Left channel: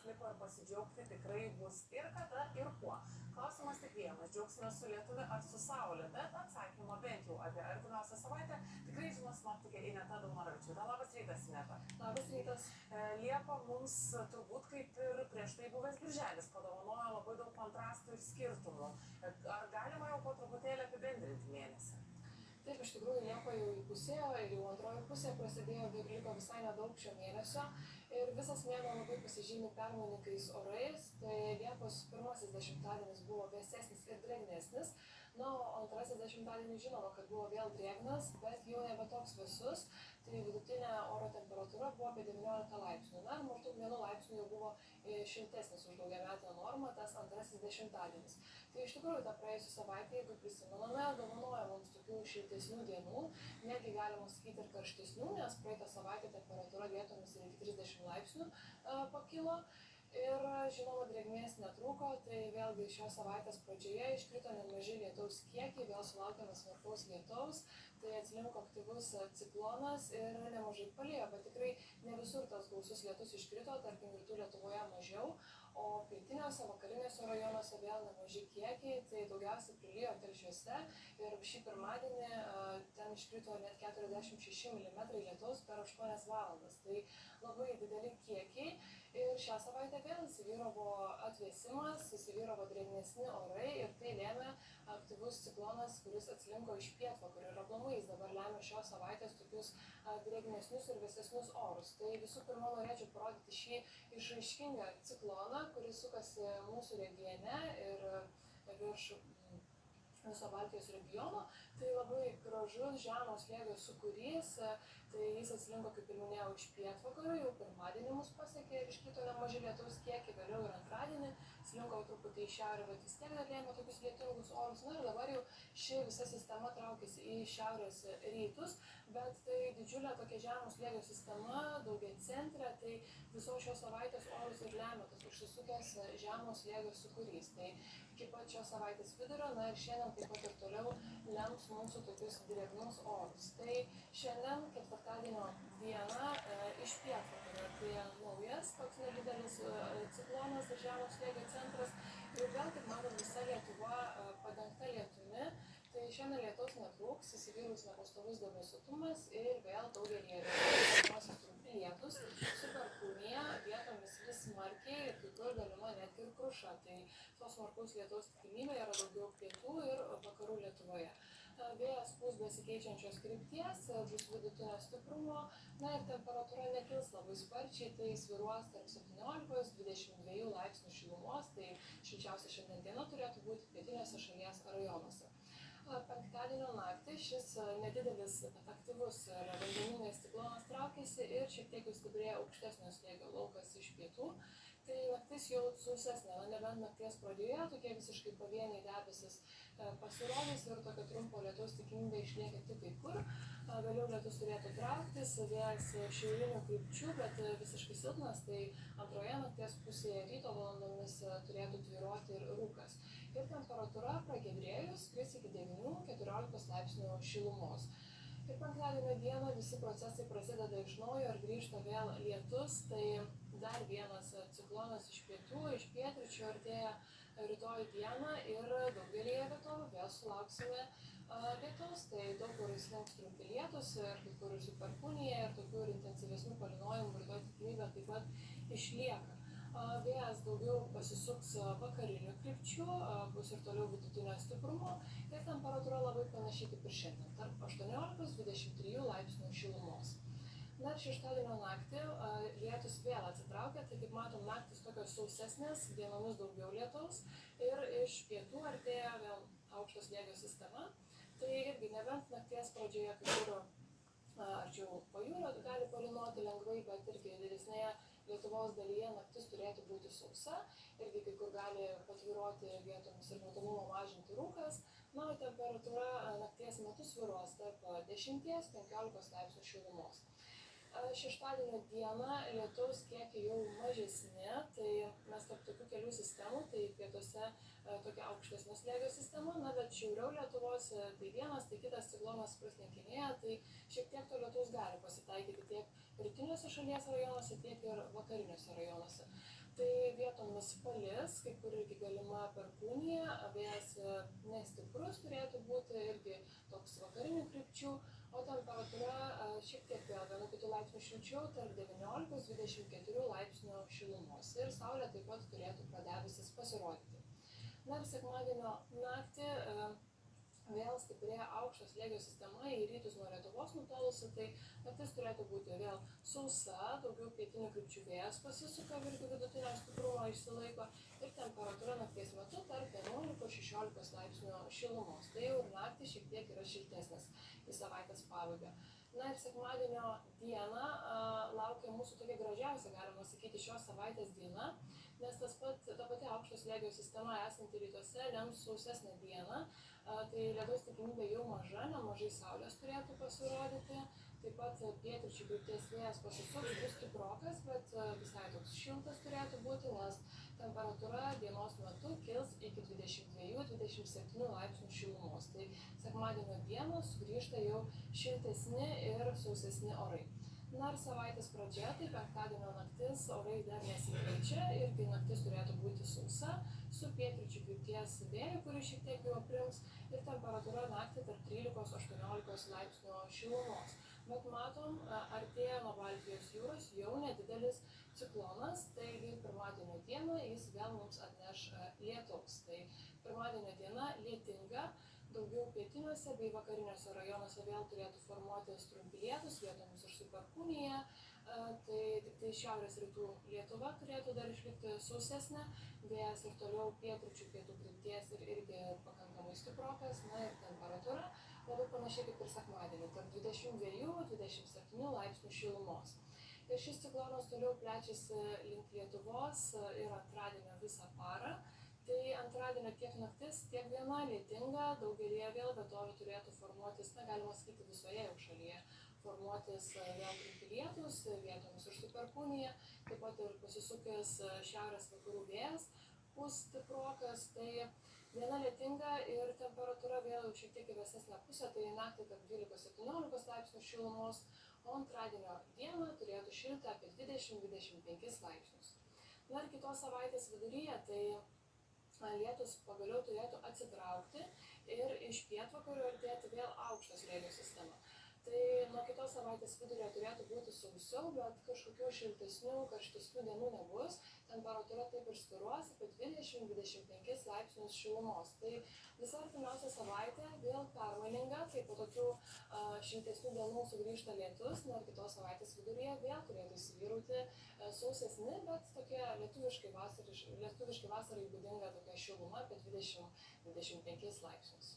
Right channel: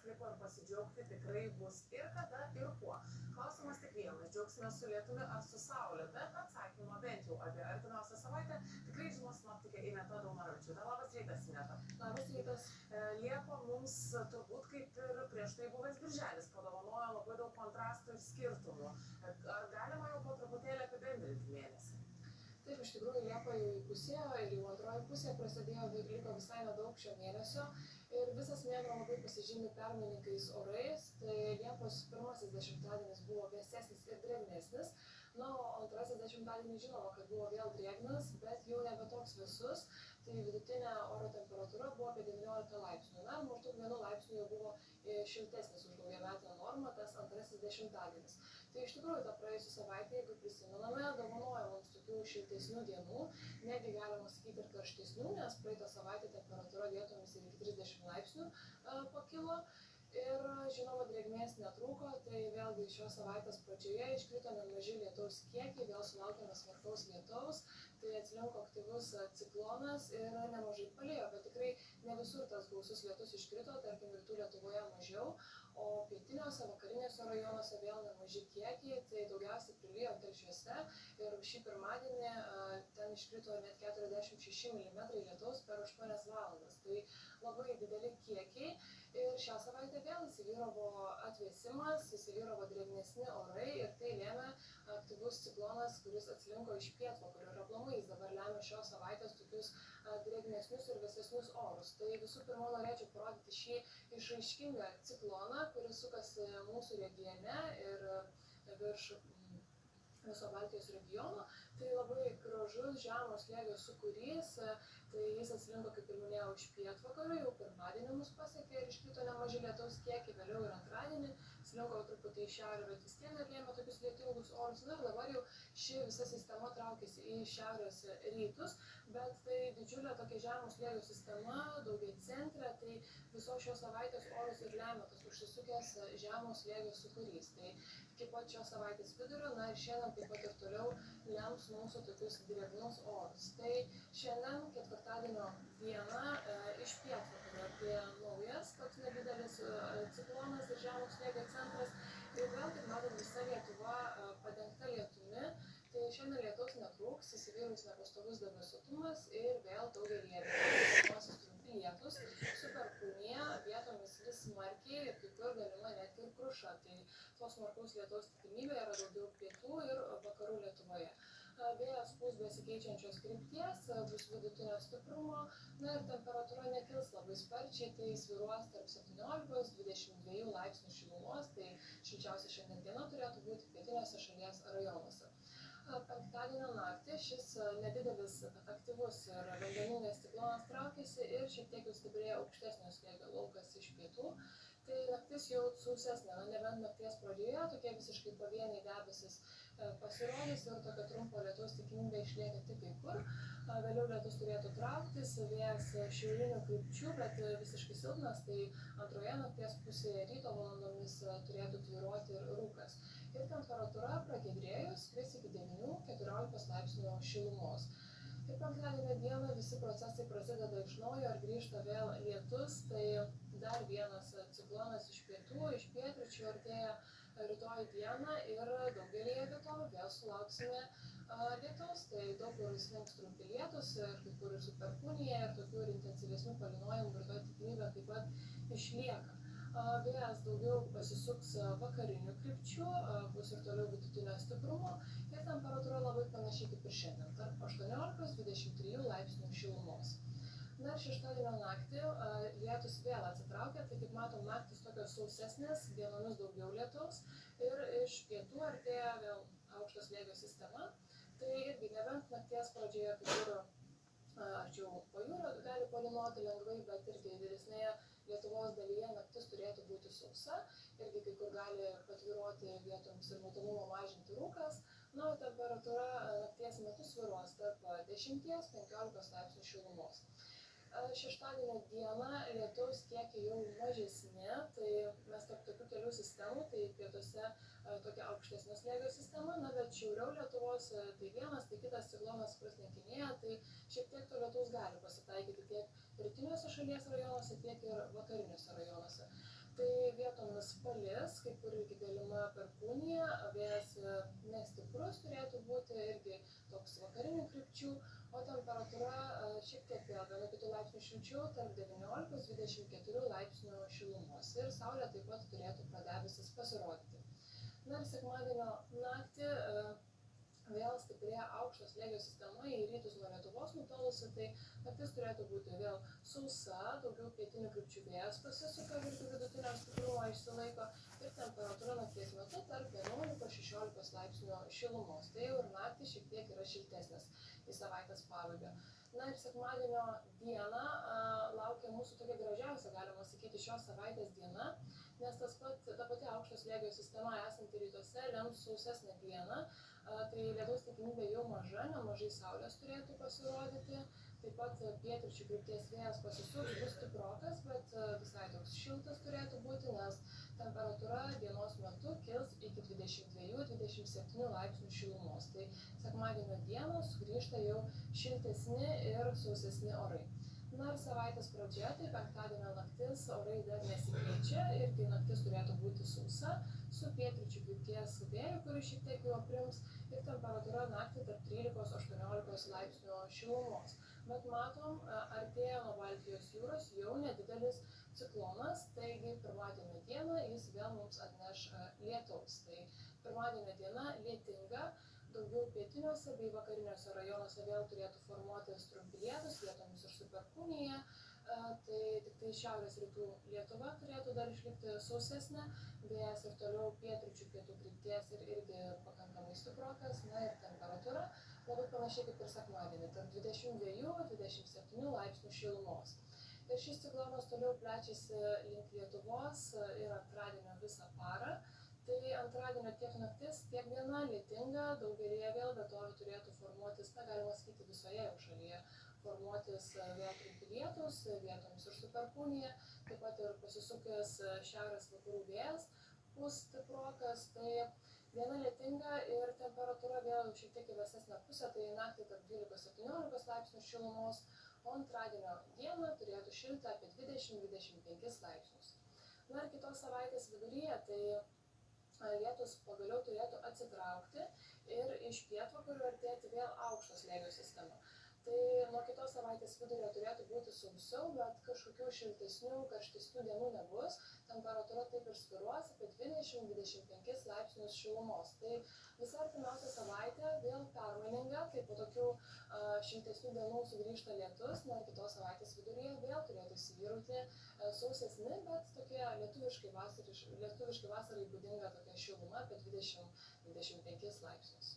dienos liko ir pasidžiaugti tikrai bus ir kada, ir kuo. Klausimas tik vienas, džiaugsime su lietumi ar su saulė, bet atsakymo bent jau apie artimiausią savaitę tikrai žinos sinoptikė Ineta Daunoravičiūtė. Labas rytas, Ineta. Labas rytas. Liepa mums turbūt kaip ir prieš tai buvęs birželis padovanojo labai daug kontrastų ir skirtumų. Ar galima jau po truputėlį apibendrinti mėnesį? Taip, iš tikrųjų Liepa jau įpusėjo ir jau antroji pusė prasidėjo, liko visai nedaug šio mėnesio ir visas mėnuo labai pasižymi permainingais orais. Tai Liepos pirmasis dešimtadienis buvo vėsesnis ir drėgnesnis, o antrasis dešimtadienis žinoma, kad buvo vėl drėgnas, bet jau nebe toks vėsus. Tai vidutinė oro temperatūra buvo apie 19 laipsnių. Ir maždaug 1 laipsniu jau buvo šiltesnis už daugiametinę normą tas antrasis dešimtadienis. Tai iš tikrųjų tą praėjusią savaitę, jeigu prisimename, dovanoja mums tokių šiltesnių dienų, netgi galima sakyti ir karštesnių, nes praeitą savaitę temperatūra vietomis iki 30 laipsnių pakilo. Ir žinoma, drėgmės netrūko, tai vėlgi šios savaitės pradžioje iškrito nemaži lietaus kiekiai, vėl sulaukėme smarkaus lietaus, tai atslinko aktyvus ciklonas ir nemažai palijo, bet tikrai ne visur tas gausus lietus iškrito, tarkim rytų Lietuvoje mažiau, o pietiniuose, vakariniuose rajonuose vėl nemaži kiekiai, tai daugiausiai prilijo Telšiuose ir šį pirmadienį ten iškrito net 46 mm lietaus per 8 valandas, tai labai dideli kiekiai. Ir šią savaitę vėl įsivyravo atvėsimas, įsivyravo drėgnesni orai ir tai lėmė aktyvus ciklonas, kuris atslinko iš pietvakarių ir aplamai jis dabar lemia šios savaitės tokius drėgnesnius ir vėsesnius orus. Tai visų pirma norėčiau parodyti šį išraiškingą cikloną, kuris sukasi mūsų regione ir virš viso Baltijos regiono. Tai labai gražus žemo slėgio sūkurys, tai jis atslinko, kaip ir minėjau, iš pietvakarių, jau pirmadienį mus pasiekė ir iškrito nemaži lietaus kiekiai, vėliau ir antradienį slinko truputį į šiaurę, bet vis tiek dar lėmė tokius lietingus orus. Na ir dabar jau ši visa sistema traukiasi į šiaurės rytus, bet tai didžiulė tokia žemo slėgio sistema, daugiacentrė, tai visos šios savaitės orus ir lemia tas užsisukęs žemo slėgio sūkurys. Tai iki pat šios savaitės vidurio, na ir šiandien taip pat ir toliau lems mūsų tokius drėgnus orus. Tai šiandien ketvirtadienio dieną iš pietvakarių artėja naujas toks nedidelis ciklonas ir žemo slėgio centras. Ir vėl, kaip matom, visa Lietuva padengta lietumi. Tai šiandien lietaus netrūks, įsivyraus nepastovus debesuotumas ir vėl daugelyje vietų trumpi lietūs su perkūnija, vietomis vis smarkiai ir kai kur galima netgi ir kruša. Tai tos smarkaus lietaus tikimybė yra daugiau pietų ir vakarų Lietuvoje. Vėjas pūs besikeičiančios krypties, bus vidutinio stiprumo, na ir temperatūra nekils labai sparčiai, tai svyruos tarp 17–22 laipsnių šilumos, tai šilčiausia šiandien diena turėtų būti pietiniuose šalies rajonuose. Penktadienio naktį šis nedidelis aktyvus ir vandeningas ciklonas traukėsi ir šiek tiek jau stiprėjo aukštesnio slėgio laukas iš pietų. Tai naktis jau sausesnė, nebent nakties pradžioje tokie visiškai pavieniai debesis pasirodys ir tokio trumpo lietaus tikimybė išlieka tik kai kur. Vėliau lietus turėtų trauktis, vėjas šiaurinių krypčių, bet visiškai silpnas, tai antroje nakties pusėje ryto valandomis turėtų tvyroti ir rūkas. Ir temperatūra pragiedrėjus kris iki 9–14 laipsnių šilumos. Ir penktadienio dieną visi procesai prasideda iš naujo ir grįžta vėl lietus, tai dar vienas ciklonas iš pietų, iš pietryčių artėja rytoj dieną ir daugelyje vietovių vėl sulauksime lietaus, tai daug kur slinks trumpi lietūs ir kai kur ir su perkūnija ir tokių ir intensyvesnių palynojimų rytoj tikimybė taip pat išlieka. Vėjas daugiau pasisuks vakarinių krypčių, bus ir toliau vidutinio stiprumo ir temperatūra labai panašiai kaip ir šiandien, tarp 18–23 laipsnių šilumos. Na ir šeštadienio naktį lietus vėl atsitraukia, tai kaip matom, naktis tokios sausesnės, dienomis daugiau lietaus ir iš pietų artėja vėl aukšto slėgio sistema. Tai irgi nebent nakties pradžioje kai kur arčiau pajūrio gali palynoti lengvai, bet irgi didesnėje Lietuvos dalyje naktis turėtų būti sausa, irgi kai kur gali patvyroti vietomis ir matomumą mažinti rūkas, na, temperatūra nakties metu svyruos tarp 10–15 laipsnių šilumos. Šeštadienio dieną lietaus kiekiai jau mažesni, tai mes tarp tokių kelių sistemų, tai pietuose tokia aukštesnio slėgio sistema, na, bet šiauriau Lietuvos tai vienas, tai kitas ciklonas praslinkinėja, tai šiek tiek to lietaus gali pasitaikyti tiek rytiniuose šalies rajonuose, tiek ir vakariniuose rajonuose. Tai vietomis palis, kai kur irgi galima perkūnija, vėjas nestiprus turėtų būti irgi toks vakarinių krypčių, o temperatūra šiek tiek vėl nuo kitų laipsnių šilčiau, tarp 19-24 laipsnių šilumos. Ir saulė taip pat turėtų pradebesis pasirodyti. Na ir sekmadienio naktį vėl stiprėja aukšto slėgio sistema į rytus nuo Lietuvos nutolusi, tai naktis turėtų būti vėl sausa, daugiau pietinių krypčių vėjas pasisuka, irgi vidutinio stiprumo išsilaiko ir temperatūra nakties metu tarp 11-16 laipsnių šilumos. Tai jau ir naktį šiek tiek yra šiltesnis į savaitės pabaigą. Na ir sekmadienio dieną laukia mūsų tokia gražiausia, galima sakyti, šios savaitės diena, nes ta pati aukšto slėgio sistema esanti rytuose lems sausesnę dieną. Tai lietaus tikimybė jau maža, nemažai saulės turėtų pasirodyti, taip pat pietryčių krypties vėjas pasisuks, bus stiprokas, bet visai toks šiltas turėtų būti, nes temperatūra dienos metu kils iki 22-27 laipsnių šilumos. Tai sekmadienio dieną sugrįžta jau šiltesni ir sausesni orai. Na ir savaitės pradžia, tai penktadienio naktis orai dar nesikeičia, irgi naktis turėtų būti sausa, su pietryčių krypties vėju, kuris šiek tiek jau aprims, ir temperatūra naktį tarp 13-18 laipsnių šilumos. Bet matom, artėja nuo Baltijos jūros jau nedidelis ciklonas, taigi pirmadienio dieną jis vėl mums atneš lietaus. Tai pirmadienio diena lietinga, daugiau pietiniuose bei vakariniuose rajonuose vėl turėtų formuotis trumpi lietūs, vietomis ir su perkūnija. Tai tik tai šiaurės rytų Lietuva turėtų dar išlikti sausesnė, vėjas ir toliau pietryčių pietų krypties ir irgi pakankamai stiprokas, na ir temperatūra labai panašiai kaip ir sekmadienį, tarp 22-27 laipsnių šilumos. Ir šis ciklonas toliau plečiasi link Lietuvos ir antradienio visą parą. Tai antradienio tiek naktis, tiek diena lietinga, daugelėje vėl vietovių turėtų formuotis, galima sakyti, visoje jau šalyje formuotis vėl trumpi lietūs, vietomis ir su perkūnija, taip pat ir pasisukęs šiaurės vakarų vėjas bus stiprokas, tai diena lietinga ir temperatūra vėl šiek tiek į vėsesnę pusę, tai naktį tarp 12-17 laipsnių šilumos, o antradienio dieną turėtų šilti apie 20-25 laipsnius. Na ir kitos savaitės viduryje, tai lietus pagaliau turėtų atsitraukti ir iš pietvakarių artėti vėl aukšto slėgio sistema. Tai nuo kitos savaitės vidurio turėtų būti sausiau, bet kažkokių šiltesnių, karštesnių dienų nebus. Temperatūra taip ir svyruos apie 20-25 laipsnius šilumos. Tai visa artimiausia savaitė vėl permaininga, kai po tokių šiltesnių dienų sugrįžta lietus, na ir kitos savaitės viduryje vėl turėtų įsivyrauti sausesni, bet tokie lietuviškai vasarai būdinga tokia šiluma apie 20-25 laipsnius.